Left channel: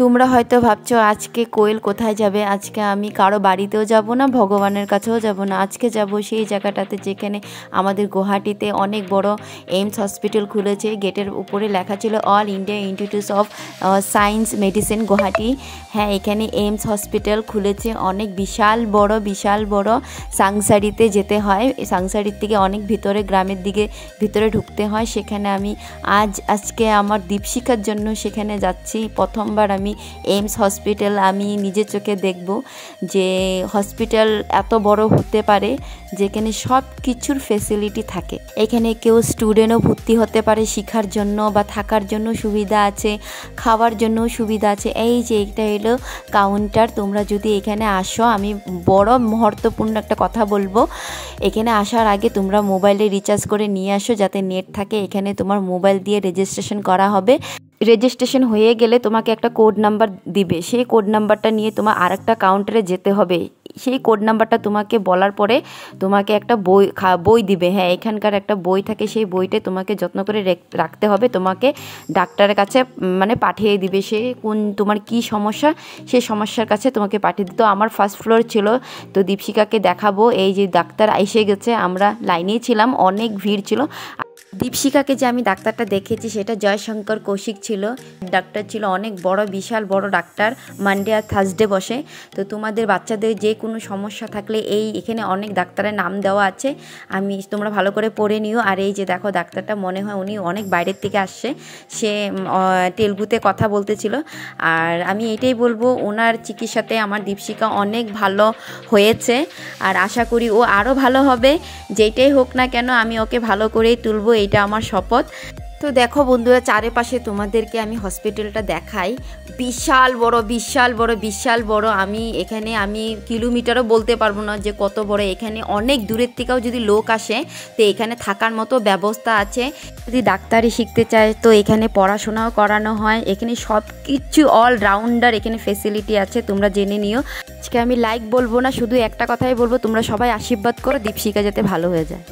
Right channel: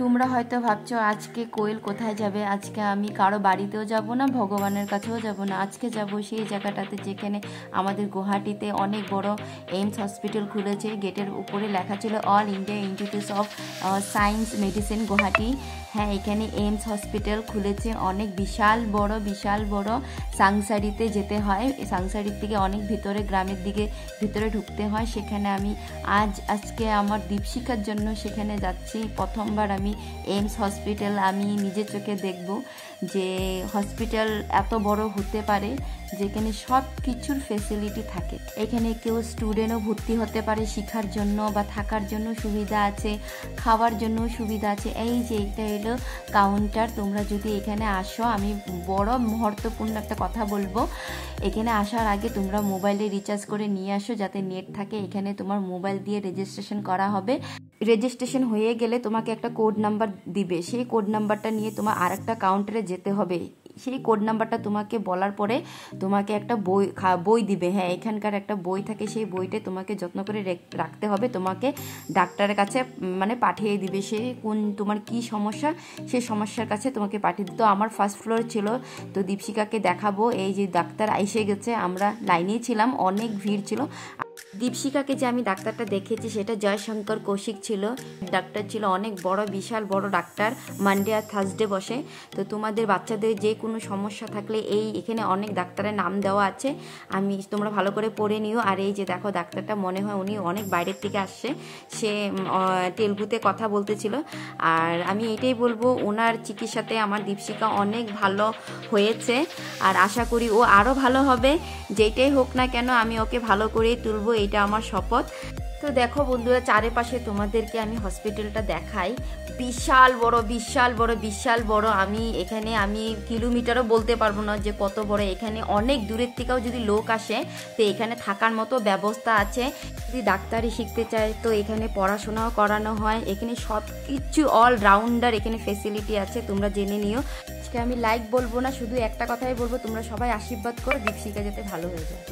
তোমরা হয়তো ভাবছো আজকে কোয়েল কোথায় যাবে। আজকে আমি কারো বাড়িতেও যাব না, ভগবানের কাছেও যাব না। আজকে যাব সেই জায়গাটাতে যেখানে আমাদের গুয়াহাটিতে অনেক বড় এইমস হসপিটাল খুলেছে। গেটের উপরে লেখা ছিল all India institute of science medicine Guwahati. হ্যাঁ, এখানে এইমস হসপিটাল খুলেছে। অনেক বিশাল বড় সাংসারিতে যেতে হয়। সাংসারির থেকে অনেক ভিতরে, গ্রামের দিকে ভিতরে ঢুকতে হয়। সেখানে আমি আজকে আমার দীপশিখার জন্য সেখানে যাচ্ছি। প্রথমবার আমি এইমস হসপিটাল আমি নিজের চোখে দেখব যে হসপিটাল এত বড় হতে পারে, যেখানে সব কিছুর ফেসিলিটি থাকে। এখানে কেউ স্টুডেন্টও ভর্তি হতে পারে শেখার জন্য, বা থাকার জন্য সুবিধা আছে, খাওয়ার জন্য সুবিধা আছে। এই যে এটা হলো কাউন্টার। তোমরা যদি এখানে আসো, আমি বড় মহত্বপূর্ণ একটা কথা বলবো, এখানে আসার আগে তোমরা মোবাইলে রিচার্জ করে নিয়ে আসো, যাতে নেট থাকে। এখানে তোমার মোবাইল দিয়ে রেজিস্ট্রেশন করা হবে। রেজিস্ট্রেশন হয়ে গেলে তোমাকে একটা কোড নাম্বার দিবে। সেই কোড নাম্বারটা নিয়ে তোমার আরেকটা কাউন্টারে যেতে হবে। সেই কোড নাম্বারটা তোমাকে বলার পরে তোমাকে একটা বই দিবে। হ্যাঁ, এখানকার একটা বই থাকে, সেই বইটা তোমাকে যত্ন করে রাখতে হবে। তোমাকে ডাক্তারের কাছে মানে পাঠিয়ে দিবে। সে তোমার কি সমস্যা, সেই সমস্যার কাছে তোমাকে পাঠিয়ে দিত। আমার ফার্স্ট ফ্লোর ছিল, তো দীপশিখাকে দেখাবো। এই যে ডাক্তার এসে গেছে, আমরা লাইনেই ছিলাম, অনেক ভিড় ছিল। দীপশিখাকে যে আমি ডাক্তারটা দেখেছি সেটা জয়শঙ্কর কৌশিক ছিল। ডাক্তার ছিল অনেক বড়, বিশাল বড় ডাক্তার। মানডে আর থার্সডে বসে। তো তোমাদের বাচ্চাদের যে কোনো সমস্যা থাকলে এখানে অনেক ডাক্তারের নাম দেওয়া আছে, তোমরা ভালো করে পড়ে নিও। আর এই যে দেখো ডাক্তারটা, মনে হয় উনি অনেক বাইরের থেকে আসছে। সে তেলুগুতে কথা বলতেছিল। আর আমি এটাই বলবো, ওনার চিকিৎসাতে আমার দীপশিখা অনেক ভালো হয়েছে। আর আশা করি ও আরও ভালো হবে। যেটাই হোক না কেন আমি ওকে ভালো করেই তুলবো, এটা আমার শপথ। তো দেখো বন্ধুরা, চারিপাশে তোমাদেরকে আমি হসপিটালটা দেখাই। বিশাল বড়। আমি কিলোমিটারও বলতে পারবো না যে কত বড়। এখানে অনেক দূরের থেকেও যদি লোক আসে, তো এখানে থাকার মতো ব্যবস্থা আছে। যদি ডাক্তারি শিখতে চায় তো এখানে পড়াশোনাও করানো হয়। এখানে সব কিছু অলরাউন্ডার এখানে ফেসিলিটি আছে, তোমরা জেনে নিও। আজকে আমি বলবো না, শুধু একটা কথাই বলবো, তোমরা সবাই আশীর্বাদ করো দীপশিখা যাতে ভালো হয়ে যায়।